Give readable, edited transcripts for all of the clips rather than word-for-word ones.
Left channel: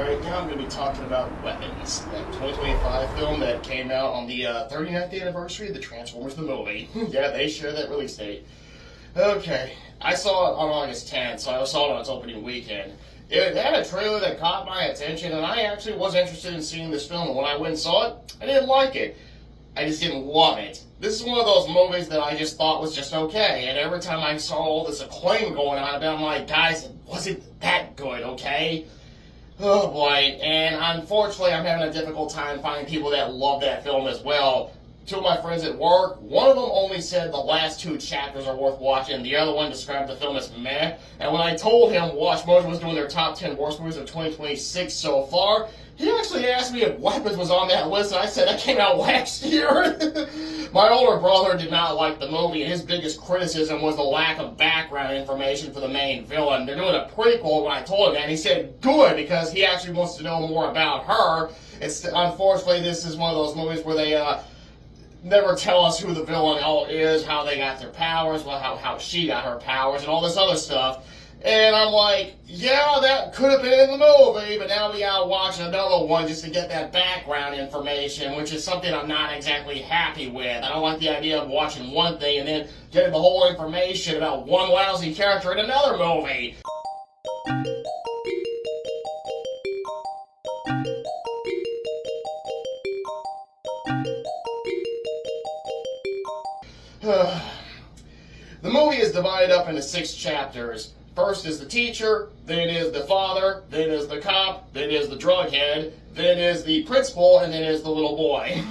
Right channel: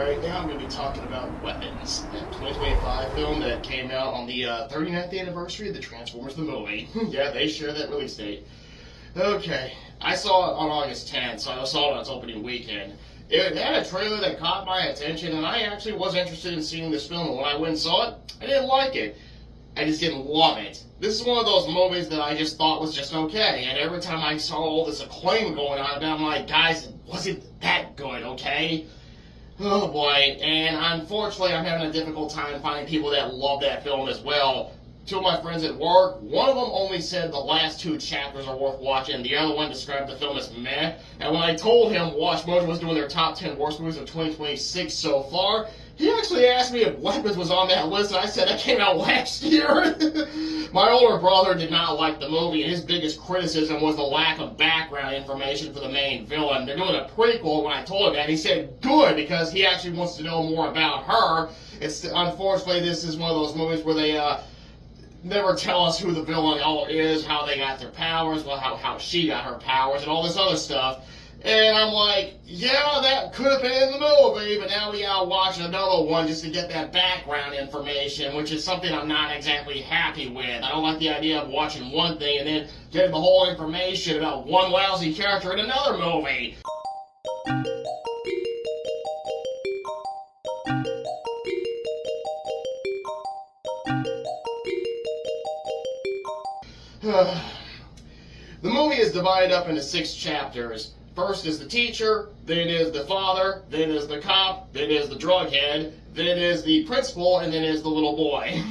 Alright, now I'm going to be talking about Weapons, that 2025 film that came out on the 39th anniversary of the Transformers the movie. Yeah, they share that release date. Okay, I saw it on August 10th, so I saw it on its opening weekend. It had a trailer that caught my attention, and I actually was interested in seeing this film, and when I went and saw it, I didn't like it. I just didn't love it. This is one of those movies that I just thought was just okay, and every time I saw all this acclaim going on about it, I'm like, guys, it wasn't that good, okay? Oh boy, and unfortunately I'm having a difficult time finding people that love that film as well. Two of my friends at work, one of them only said the last two chapters are worth watching, the other one described the film as meh, and when I told him Watch Mojo was doing their top 10 worst movies of 2026 so far, he actually asked me if Weapons was on that list, and I said that came out last year. My older brother did not like the movie, and his biggest criticism was the lack of background information for the main villain. They're doing a prequel. When I told him that, he said good, because he actually wants to know more about her. Unfortunately, this is one of those movies where they never tell us who the villain is, how they got their powers, how she got her powers, and all this other stuff. And I'm like, yeah, that could have been in the movie, but now we gotta watch another one just to get that background information, which is something I'm not exactly happy with. I don't like the idea of watching one thing and then getting the whole information about one lousy character in another movie. The movie is divided up into 6 chapters. First is the teacher, then is the father, then is the cop, then is the drug head, then is the principal, and then is the little boy.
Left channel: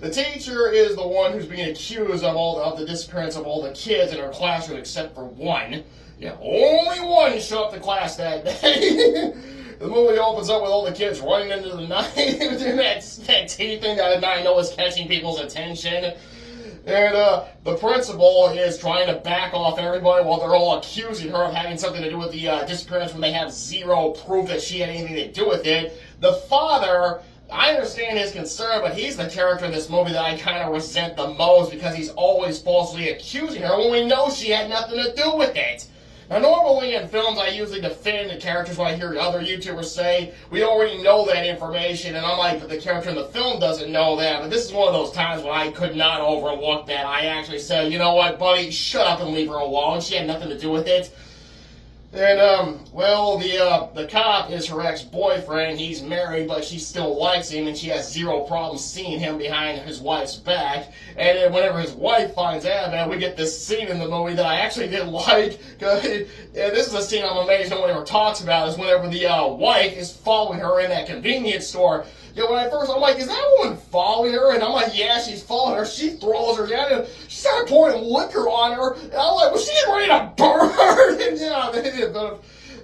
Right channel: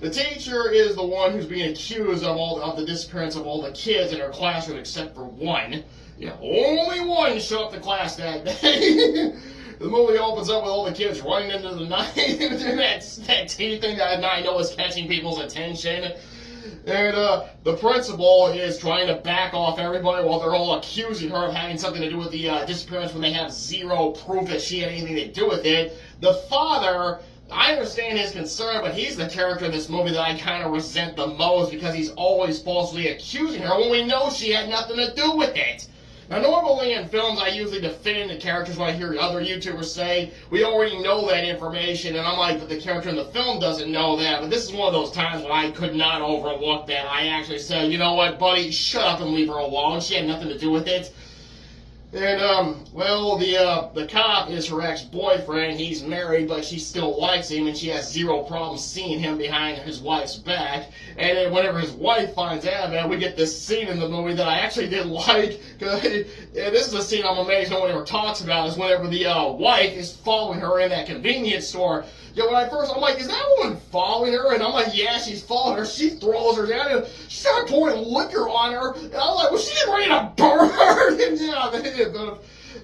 The teacher is the one who's being accused of the disappearance of all the kids in her classroom except for one. Yeah, only one showed up to class that day. The movie opens up with all the kids running into the night, doing that tea thing that I know is catching people's attention. And the principal is trying to back off everybody while they're all accusing her of having something to do with the disappearance when they have zero proof that she had anything to do with it. The father, I understand his concern, but he's the character in this movie that I kind of resent the most because he's always falsely accusing her when we know she had nothing to do with it. Now, normally in films, I usually defend the characters when I hear other YouTubers say, we already know that information, and I'm like, but the character in the film doesn't know that. But this is one of those times when I could not overlook that. I actually said, you know what, buddy, shut up and leave her alone. She had nothing to do with it. And, well, the cop is her ex-boyfriend. He's married, but she still likes him, and she has zero problem seeing him behind his wife's back. And then whenever his wife finds out, man, we get this scene in the movie that I actually didn't like. And this is a scene I'm amazed no one ever talks about, is whenever the wife is following her in that convenience store. Yeah, when I'm like, is that woman following her? And I'm like, yeah, she's following her. She throws her down, and she started pouring liquor on her. And I'm like, was she ready to burn her? And yeah, they did.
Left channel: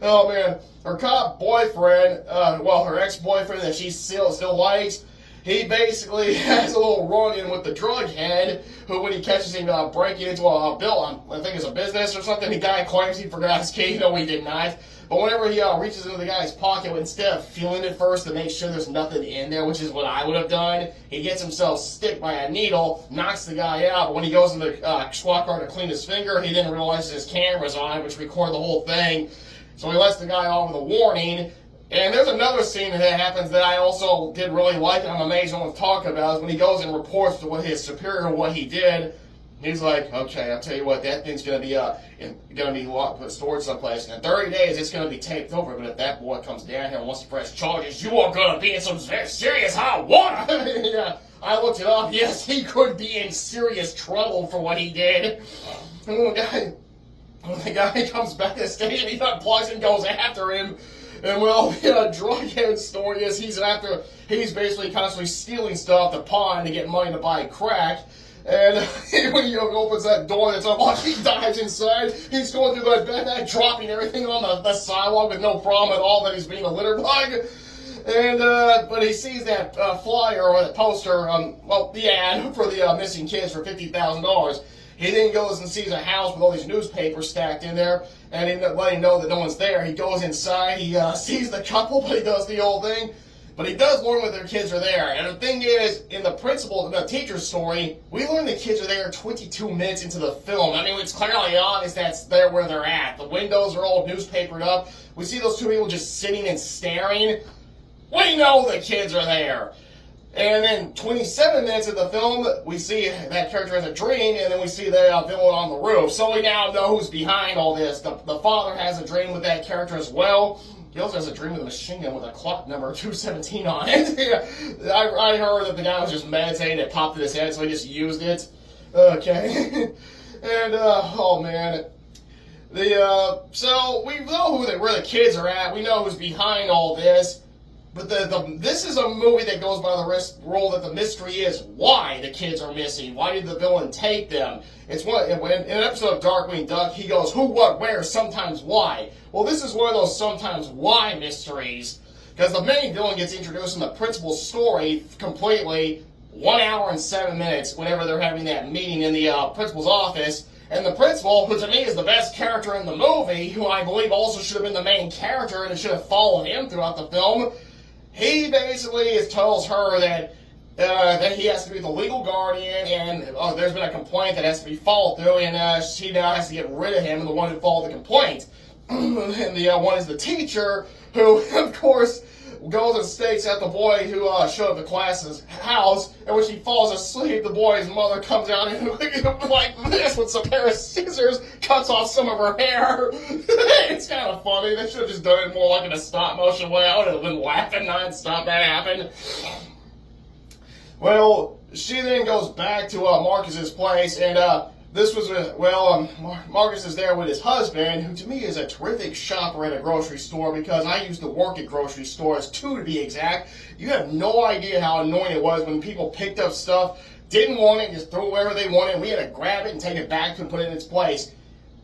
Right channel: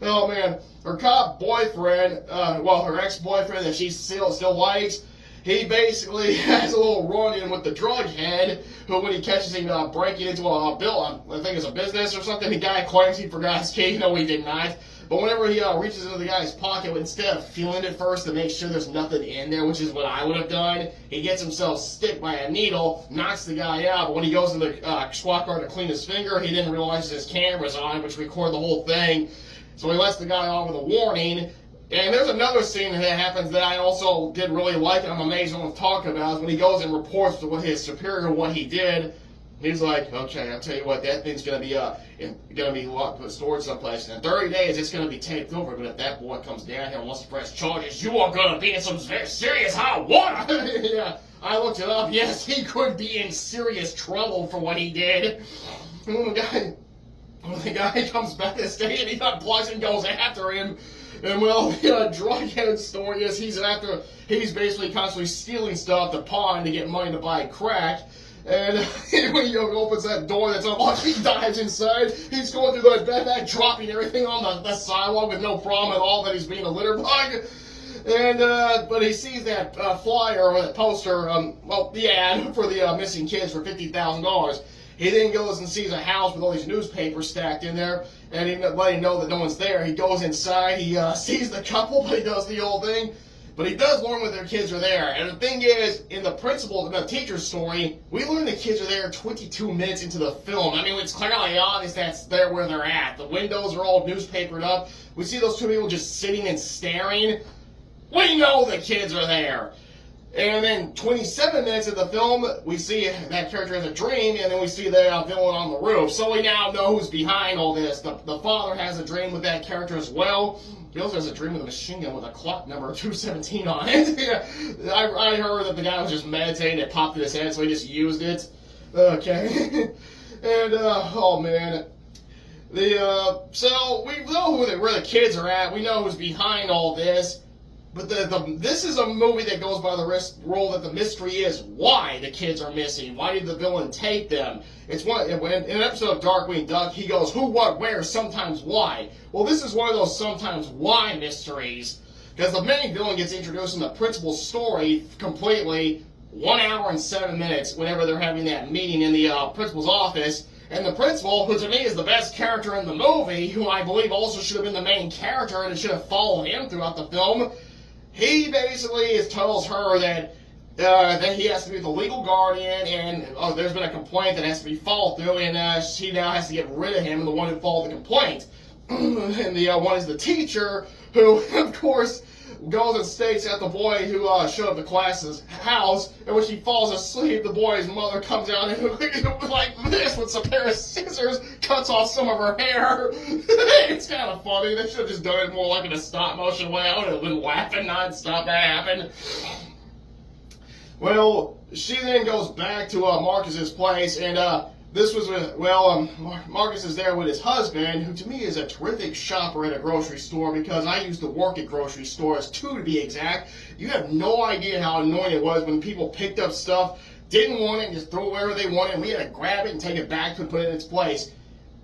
Oh man, her cop boyfriend, her ex-boyfriend that she still likes, he basically has a little run-in with the drug head, who when he catches him breaking into a bill, I think it's a business or something, the guy claims he forgot his key. No, he did not. But whenever he reaches into the guy's pocket, instead of feeling it first to make sure there's nothing in there, which is what I would have done, he gets himself sticked by a needle, knocks the guy out, but when he goes in the squad car to clean his finger, he didn't realize his camera's on, which record the whole thing. So he lets the guy off with a warning. And there's another scene that happens that I also did really like, and I'm amazed no one's talking about, is when he goes and reports to his superior what he did. He's like, okay, I'll tell you what, that thing's gonna be locked, stored someplace. And in 30 days, it's gonna be taped over. But if that boy comes down here and wants to press charges, you are gonna be in some serious hot water. Yeah, I looked it up. Yes, he could be in serious trouble for what he did. And the guy comes back to the station, he unplugs and goes after him. And well, the drug head story is he's basically constantly stealing stuff to pawn to get money to buy crack. And when he opens that door that's unlocked, he dives inside. He's going through that backpack, dropping everything on the sidewalk with no problem at all that he's being a litter bug. And, but he sees that flyer or that poster, the ad for the missing kids for $50,000. He then goes and sees a house with all these newspapers stacked in there, and he letting him know that no one's there. He goes inside, he sees the couple, but he does the old thing. But he does learn that their kids are there. And the thing is, in the teacher's story, we learn the kids are there 22 minutes into the film. I mean, it's clearly obvious that's there where they're at. The windows are all newspapered up. We see those two people just sitting and staring. We know the kids are there. And then 27 minutes of the film, we see that character has a dream, and then we see the villain on the roof. So we now know who's behind all this. The father has a dream with that character as well. He also has a dream with a machine gun with a clock number 217 on it. I heard that the guy was just meditating, it popped in his head, so he just used it. Okay. And, oh man. So we know where the kids are at. We know who's behind all this. But this is a movie that goes by the rule that the mystery is why the kids are missing. Why did the villain take them? It's one in an episode of Darkwing Duck. He goes, who, what, where, sometimes why. Well, this is one of those sometimes why mysteries, because the main villain gets introduced in the principal's story completely 1 hour and 7 minutes. Whenever they're having that meeting in the principal's office. And the principal, who to me is the best character in the movie, who I believe also should have been the main character and should have followed him throughout the film. He basically tells her that he has to be the legal guardian, and there's been a complaint that has to be followed through, and she now has to get rid of him, and the one who followed the complaint. And the one is the teacher, who, of course, goes and stakes out the boy who showed up at class's house, and when she falls asleep, the boy's mother comes out and like this with some pair of scissors, cuts off some of her hair. It's kind of funny. They should have just done it more like in a stop motion way. I would have been laughing nonstop that happened. Well, she then goes back to Marcus's place, and this was Marcus is there with his husband, who to me is a terrific shopper at a grocery store, because I used to work at grocery stores, 2 to be exact. You have no idea how annoying it was when people picked up stuff, didn't want it, and just threw it wherever they wanted, and we had to grab it and take it back to put it in its place.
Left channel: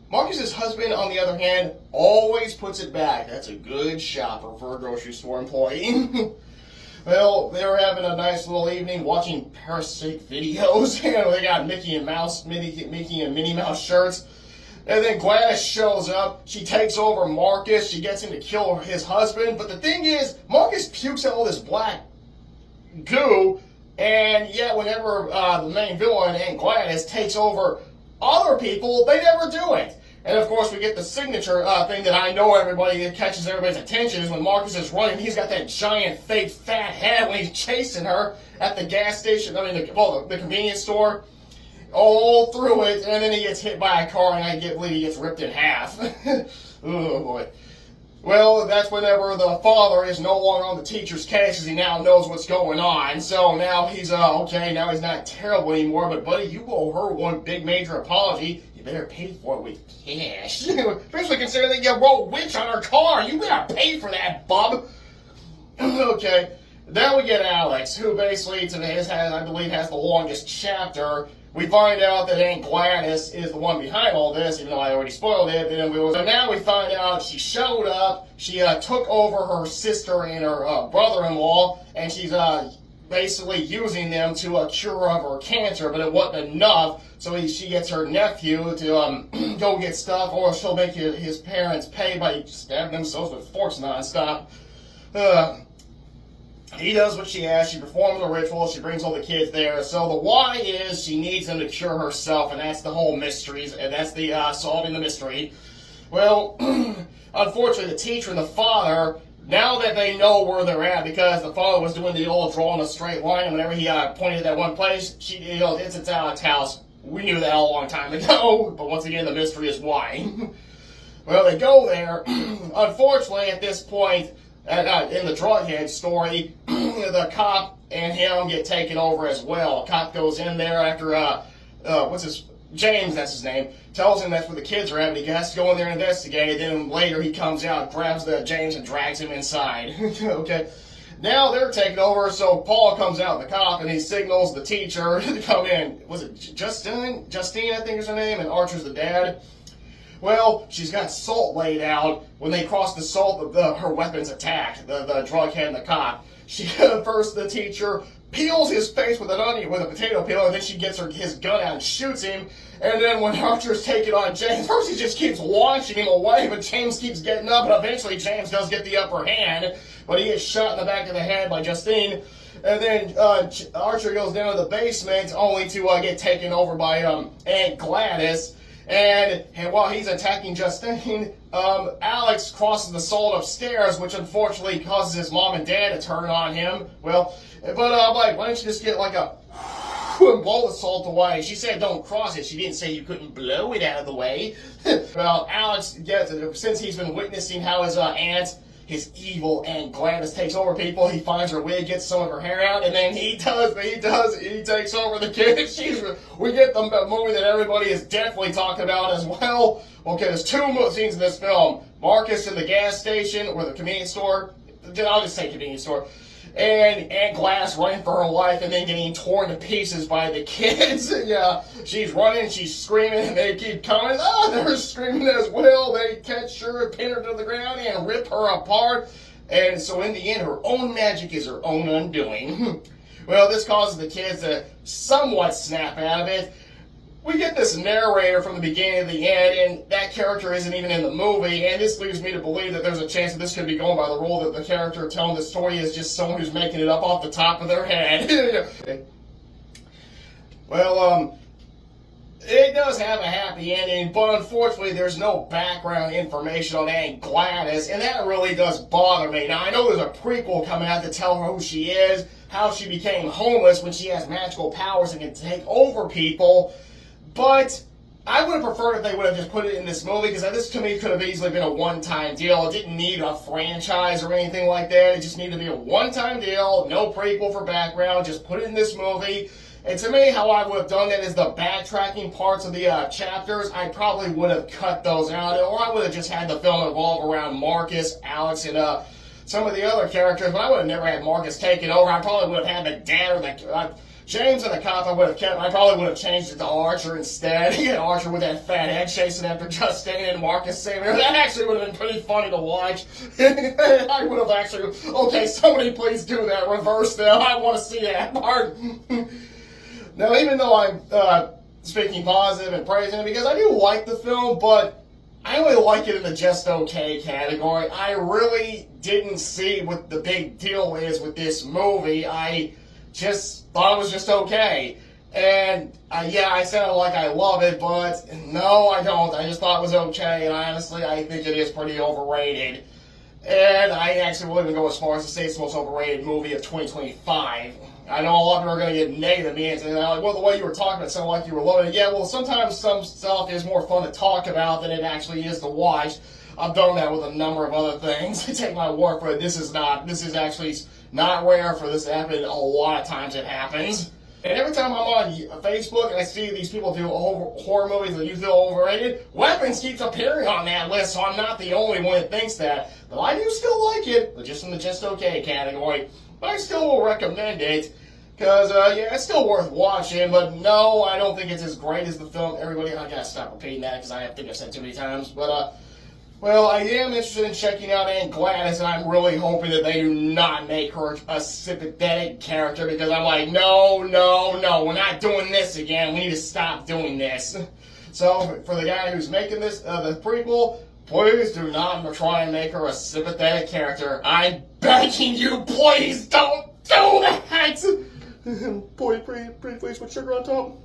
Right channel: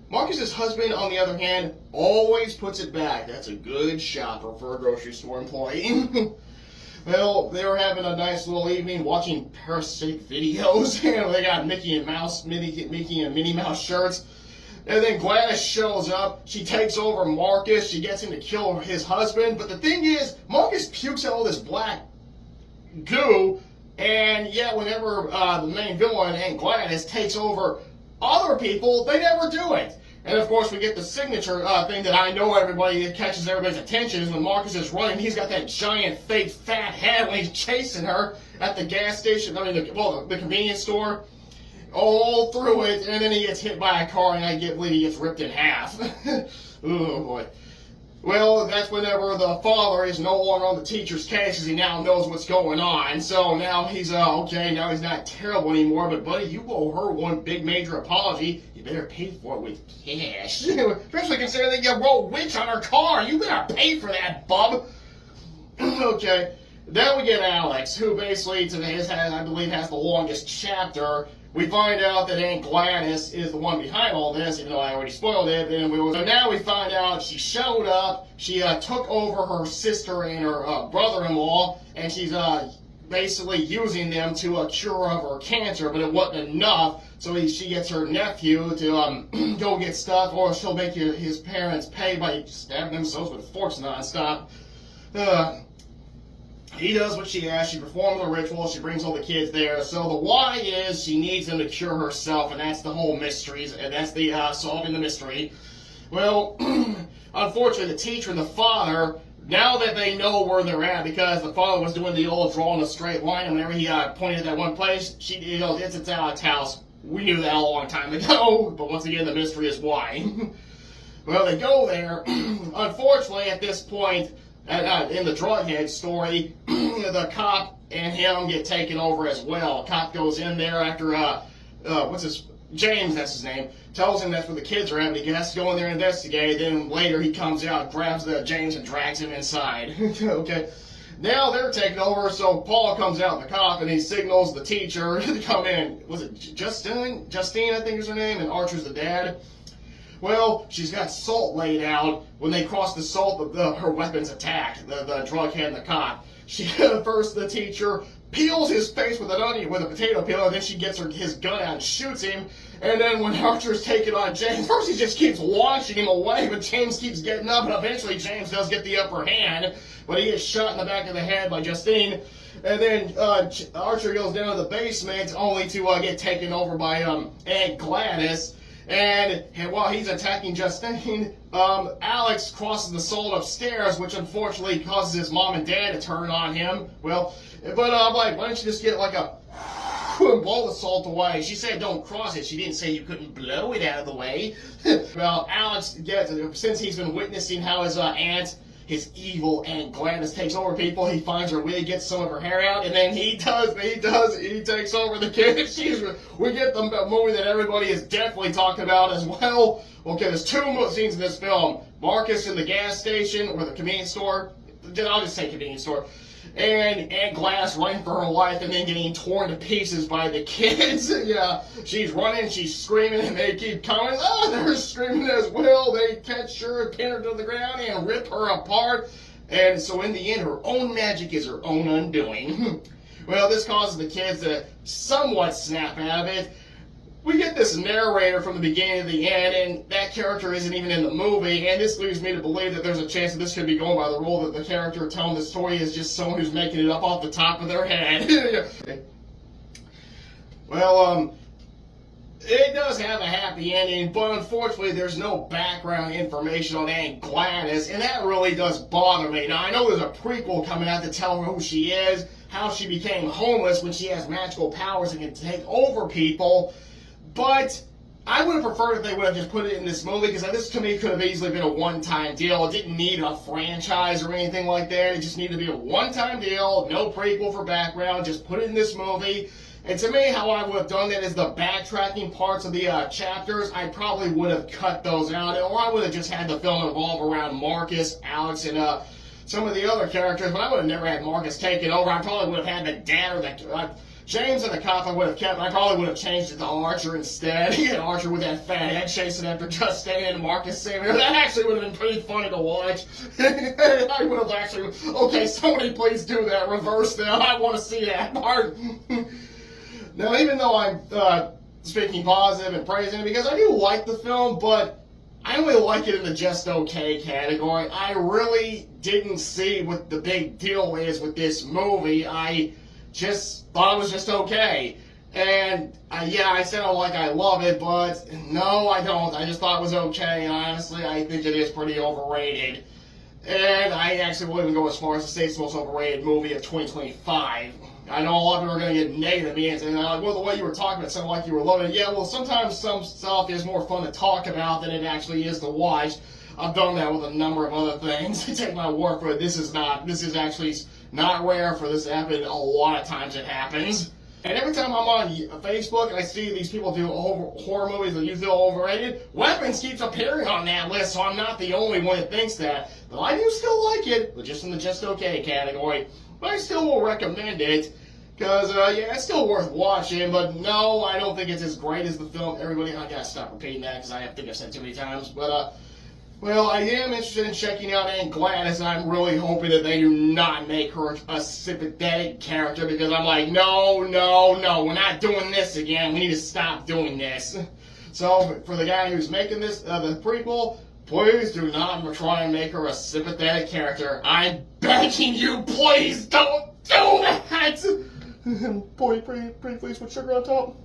Marcus's husband, on the other hand, always puts it back. That's a good shopper for a grocery store employee. Well, they were having a nice little evening watching Parasite videos. They got Mickey and Minnie Mouse shirts. And then Gladys shows up. She takes over Marcus. She gets him to kill his husband. But the thing is, Marcus pukes out all this black goo. And yet, whenever the main villain and Gladys takes over other people, they never do it. And of course, we get the signature thing that I know everybody catches everybody's attention is when Marcus is running. He's got that giant, fake, fat head when he's chasing her at the gas station. The convenience store, all through it, and then he gets hit by a car, and I believe he gets ripped in half. Oh boy. Well, that's whenever the father is no longer on the teacher's case, as he now knows what's going on. So now he's okay. Now he's not terrible anymore. But buddy, you owe her one big major apology. Better pay for it with cash. Especially considering you wrote witch on her car. You better pay for that, bub. Okay. Then we get Alex, who basically, I believe, has the longest chapter. We find out that Aunt Gladys is the one behind all this, even though I already spoiled it. So now we find out she showed up. She took over her sister and her brother-in-law, and she's basically using them to cure of her cancer, but it wasn't enough. So she gets her nephew to go get stuff, or she'll make his parents pay by stabbing themselves with forks nonstop. He does what she asks. She performs the ritual. She brings all the kids there. So the why is she needs them to cure herself, and that's the whole mystery, and that's the solving the mystery. Well, unfortunately, the teacher and the father, now that they know where they're at, because the father was doing the old drawing a straight line, and whenever he pointed at that one place, it's at Alex' house. We knew that a long time ago, but once again, the mystery is why. Well, they go there. Unfortunately, at this point, in the drughead story, the cop and him get taken over as well. A cop goes in there after, James, that's his name, tells him that's where the kids are at, but he has to go in there and investigate. Then later he comes out, grabs James and drags him inside. Okay. Now they're taking over, so Paul comes out, the cop, and he signals the teacher to come in. Was it Justine, I think is her name, and Archer's the dad. Well, she's got salt laid out. When they cross the salt, her weapon's attacked, the drug head and the cop. First, the teacher peels his face with a potato peeler, and then she gets his gun out and shoots him. And then when Archer's taking on James, first he just keeps launching him away, but James keeps getting up, and eventually James does get the upper hand, but he gets shot in the back of the head by Justine. And then Archer goes down to the basement, only to get taken over by Aunt Gladys. And while he's attacking Justine, Alex crosses the salt upstairs, which unfortunately causes his mom and dad to turn on him. Well, but I'm like, why don't you just get like a and blow the salt away? She said don't cross it. She didn't say you couldn't blow it out of the way. Well, Alex gets it. Since he's been witnessing how his aunt, his evil Aunt Gladys, takes over people, he finds her wig, gets some of her hair out, and then he takes over the kid. We get the movie that everybody is definitely talking about as well. Okay, there's two scenes in this film. Marcus in the gas station, or the convenience store. I'll just say convenience store. And Aunt Gladys running for her life and then getting torn to pieces by the kids. Yeah, she's running, she's screaming, and they keep coming. Oh, they're screaming as well. They catch her, pin her to the ground, and rip her apart. And so in the end, her own magic is her own undoing. Well, this causes the kids to somewhat snap out of it. We get this narrator from the beginning to the end, and that character isn't even in the movie, and this leads me to believe that there's a chance that this could be going by the rule that the character telling the story is just someone who's making it up off the top of their head. Well, it does have a happy ending, but unfortunately there's no background information on Aunt Gladys, and that really does bother me. Now, I know there's a prequel coming out to tell her who she is, how she became homeless when she has magical powers and can take over people. But I would have preferred if they would have just put it in this movie, because this to me could have easily been a one-time deal. It didn't need a franchise or anything like that. It just needed to be a one-time deal, no prequel for background, just put it in this movie. And to me, how I would have done that is the backtracking parts of the chapters, I probably would have cut those out, or I would have just had the film evolve around Marcus, Alex, and some of the other characters. But I would have never had Marcus taken over. I probably would have had the dad or the... James and the cop I would have kept. I probably would have changed it to Archer instead. He had Archer with that fat head chasing after Justine and Marcus saving her. That actually would have been pretty funny to watch. I would have actually... Okay, somebody please do that. Reverse them. I want to see that part. Now, even though I'm speaking positive and praising it, because I do like the film, but I only like it in the just okay category. I really didn't see what the big deal is with this movie. I just thought it was just okay. And yeah, I sound like I love it, but no, I don't. I just thought it was okay, and honestly, I think it is pretty overrated. And I actually wouldn't go as far as to say it's the most overrated movie of 2025. I know a lot of people are going to get negative at me and say, like, well, the way you were talking, it sounded like you were loving it. Yeah, well, sometimes some stuff is more fun to talk about than it actually is to watch. I've done that with a number of other things. Take my word for it. This is actually not rare for this to happen. A lot of times it happens. And every time I'm on Facebook and I see these people do horror movies that you feel overrated, Weapons keeps appearing on that list, so I'm not the only one that thinks that. But I do still like it, but just in the just okay category. But I still will recommend it, because, yeah, it's still worth watching, but no, I don't think it's as great as the film. Everybody, I gotta stop repeating that, because I think I've said too many times, but, well, I am interested in checking out Aunt Gladys, and I'm really hoping that they do not make her a sympathetic character, because I'm like, no, we're not doing this again. We need to stop doing this. So, for the guy who's making this, the prequel, please do not try and make her a sympathetic character. I'm begging you, please don't do that! Boy, pretty please with sugar on top.